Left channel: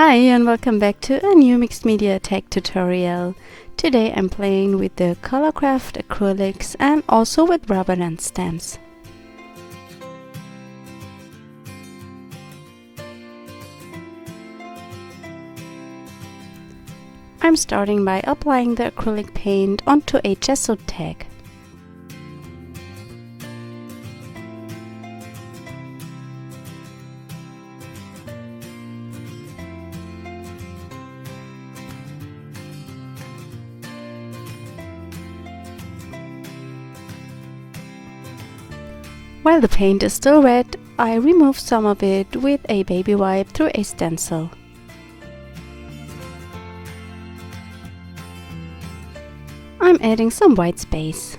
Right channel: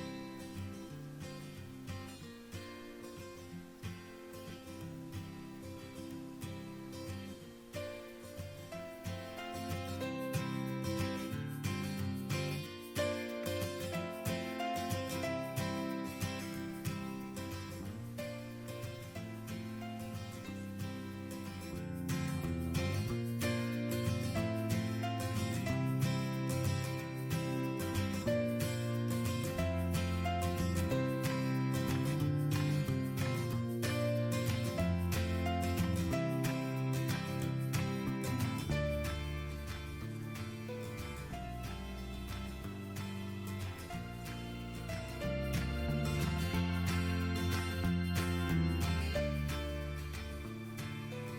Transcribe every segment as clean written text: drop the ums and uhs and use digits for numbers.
Hi and welcome back to a new mixed media tech tutorial. Today I'm playing with the ColourCraft Acrylics and also with rubber and stamps. I'm starting by applying the acrylic paint onto a gesso tag. While the paint is still wet, I remove some of it with a baby wipe through a stencil. I'm adding some white space.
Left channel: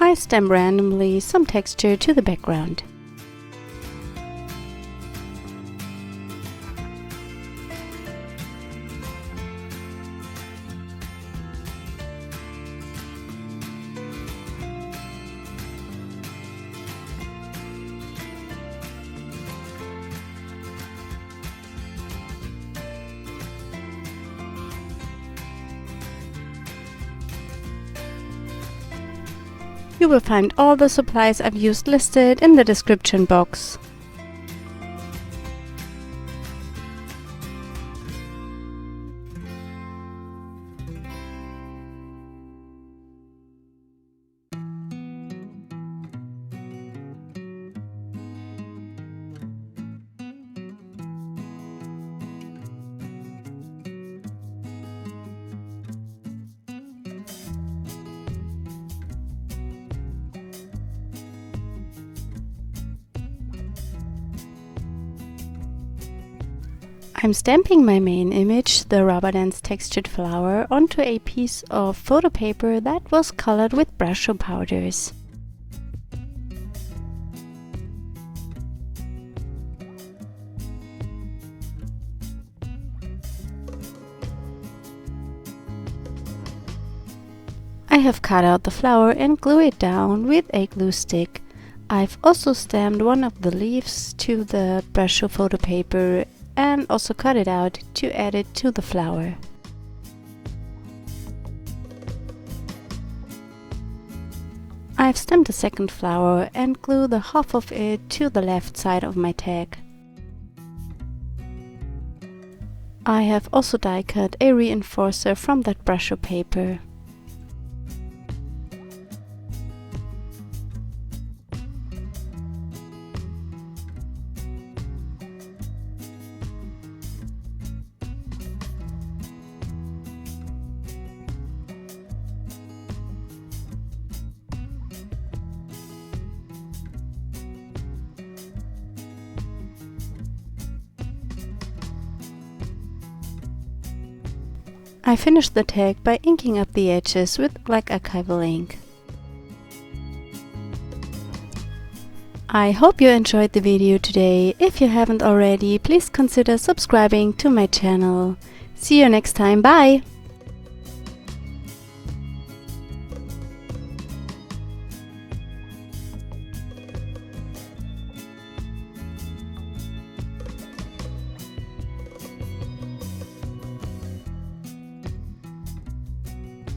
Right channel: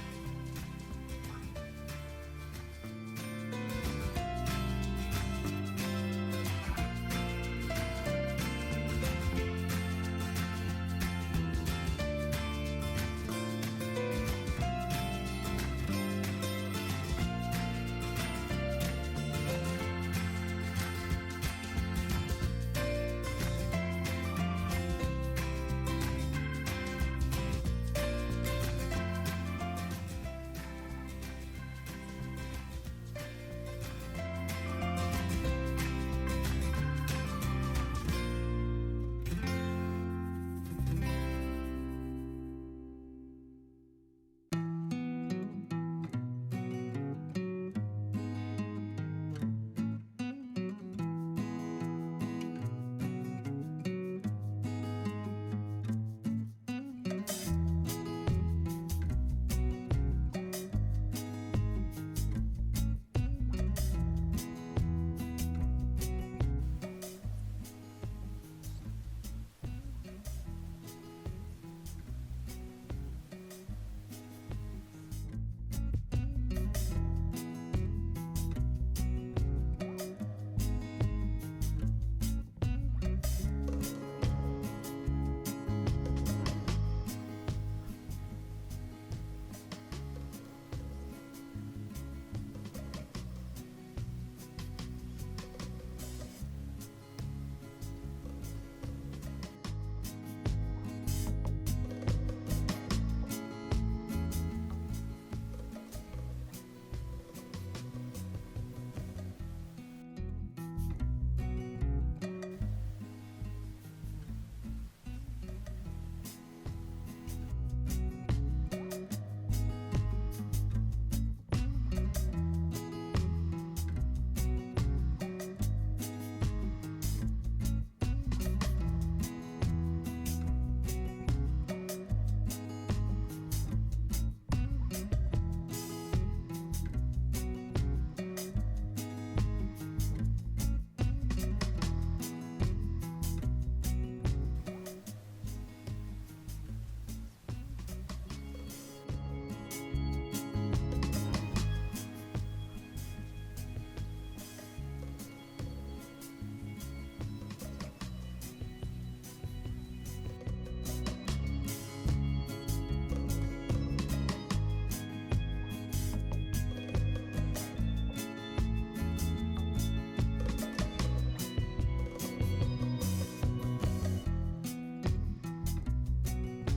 I stamp randomly some texture to the background. You will find all the supplies I've used listed in the description box. I'm stamping my main image, the rubber dance textured flower, onto a piece of photo paper that was colored with Brushos powders. I have cut out the flower and glue it down with a glue stick. I've also stamped one of the leaves to the Brushos photo paper and also cut it out to add it to the flower. I've stamped the second flower and glued the half of it to the left side of my tag. I have also die cut a reinforcer from that Brushos paper. I finished the tag by inking up the edges with black Archival ink. I hope you enjoyed the video today. If you haven't already, please consider subscribing to my channel. See you next time, bye!